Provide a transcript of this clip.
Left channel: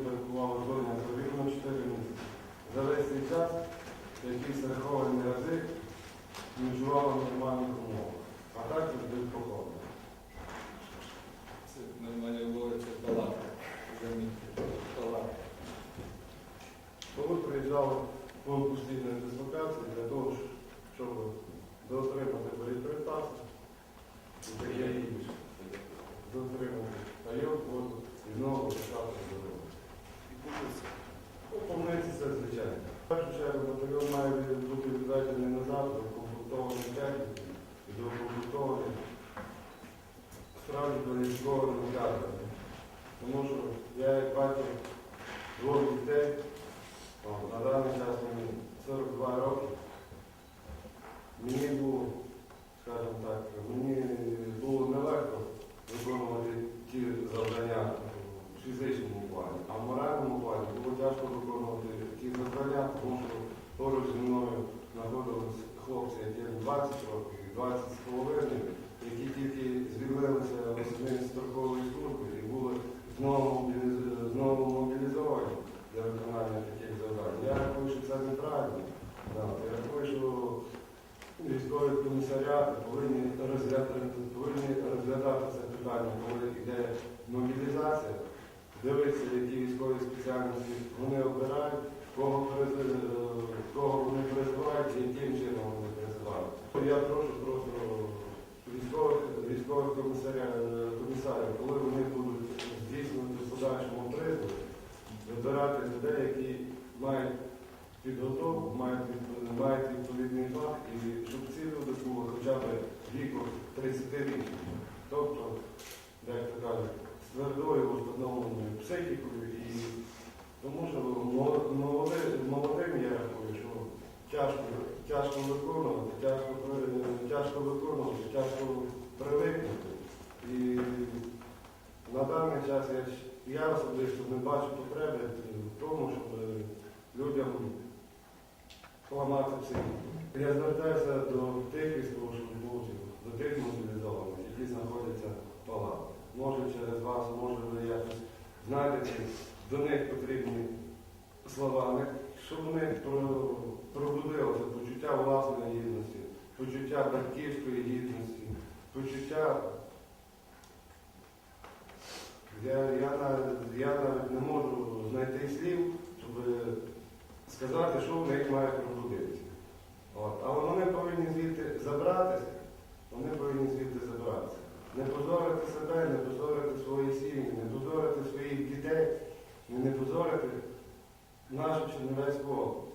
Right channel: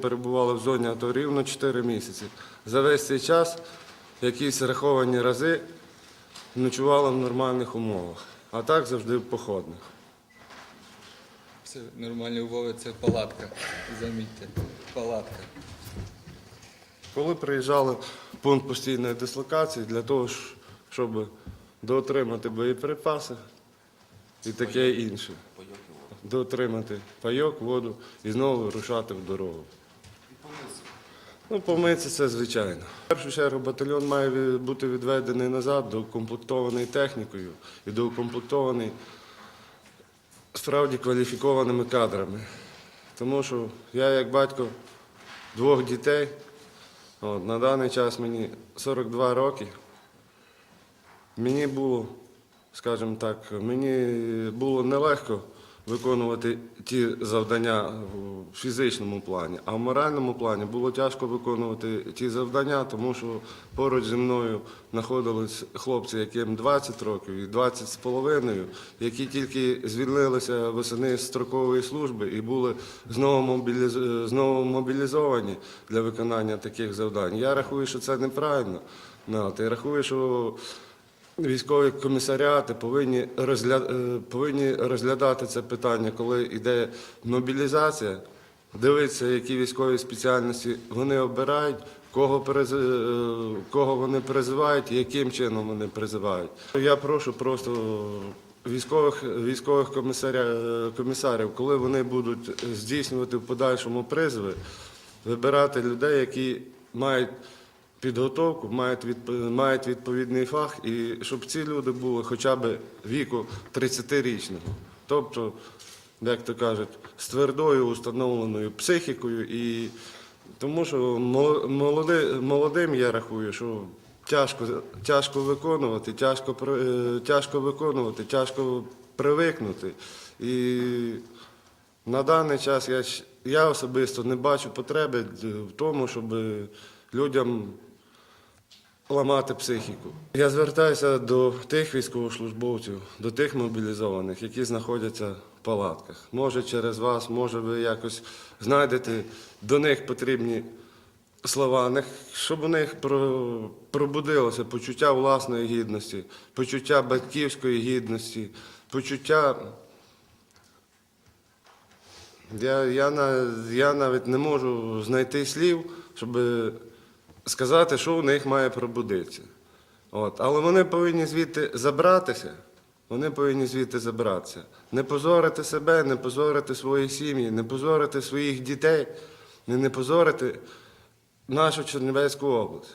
перебували в зоні АТО рівно 4 місяці. За весь цей час якісь раховані рази ночували в нормальних умовах, а так завжди в походних. Це нормальні умови, це палатка. Замітьте, палатка. Коли приїжджали в пункт постійної дислокації для того, щоб доотримати боєприпаси і таке інше. Доотримати пайок, воду і знову вирушати в дорогу. Ну, помитися це звичайно. В першу чергу батальйон має бути відведений назад, доукомплектований технікою і доукомплектований справді кваліфікованими кадрами. Тому що я як батько двох дітей, от, на даний час мені 42 роки. Мені було, скажімо так, мені було нелегко виконувати ті завдання в фізичному плані, а в моральному плані було тяжко виконувати ті завдання, тому що поруч зі мною знаходились хлопці, яким 20 років і 20 з половиною, які тільки звільнилися восени з строкової служби і були знову, мобіліз... знову мобілізовані для виконання таких завдань. Я рахую, що це неправильно. Я рахую, що Військові комісаріати повинні, розгля... е, повинні розглядати це питання, коли йде мобілізація, дивитися, які військові спеціальності вони обирають, кого, приз... е, кого вони призивають і яким чином вони призивають. Я прошу просто військових, військових комісаря... комісарів, коли вони будуть здійснювати в подальшому призови, вибирати людей, які мають підготовку, мають, мають відповідний фах, і щоб ці люди були хоча б віку 30-річного. Тобто, як то кажуть, з твердою установленою психікою. І тому що молоди- молодим я рахую, що тяжко, тяжко виконувати, тяжко, тяжко виконувати, тяжко привикнути. І на даний час я, я особисто не бачу потреби в тому, щоб людям ламати психіку. Я звертаюся до тих військовослужбовців, до тих мобілізованих, які знаходяться в палатках. Може через вас, може ви якось знайдете до них потрібні слова, щоб у них пробудилося почуття власної гідності, почуття батьківської гідності, почуття. Я, я, я навіть не можу знайти слів, щоб сказати, що у них має пробудитися. От. Але вони повинні звідти забратися. Вони повинні звідти забратися. Не позорити себе, не позорити свої сім'ї, не позорити своїх дітей, не, позорити нашу Чернівецьку область.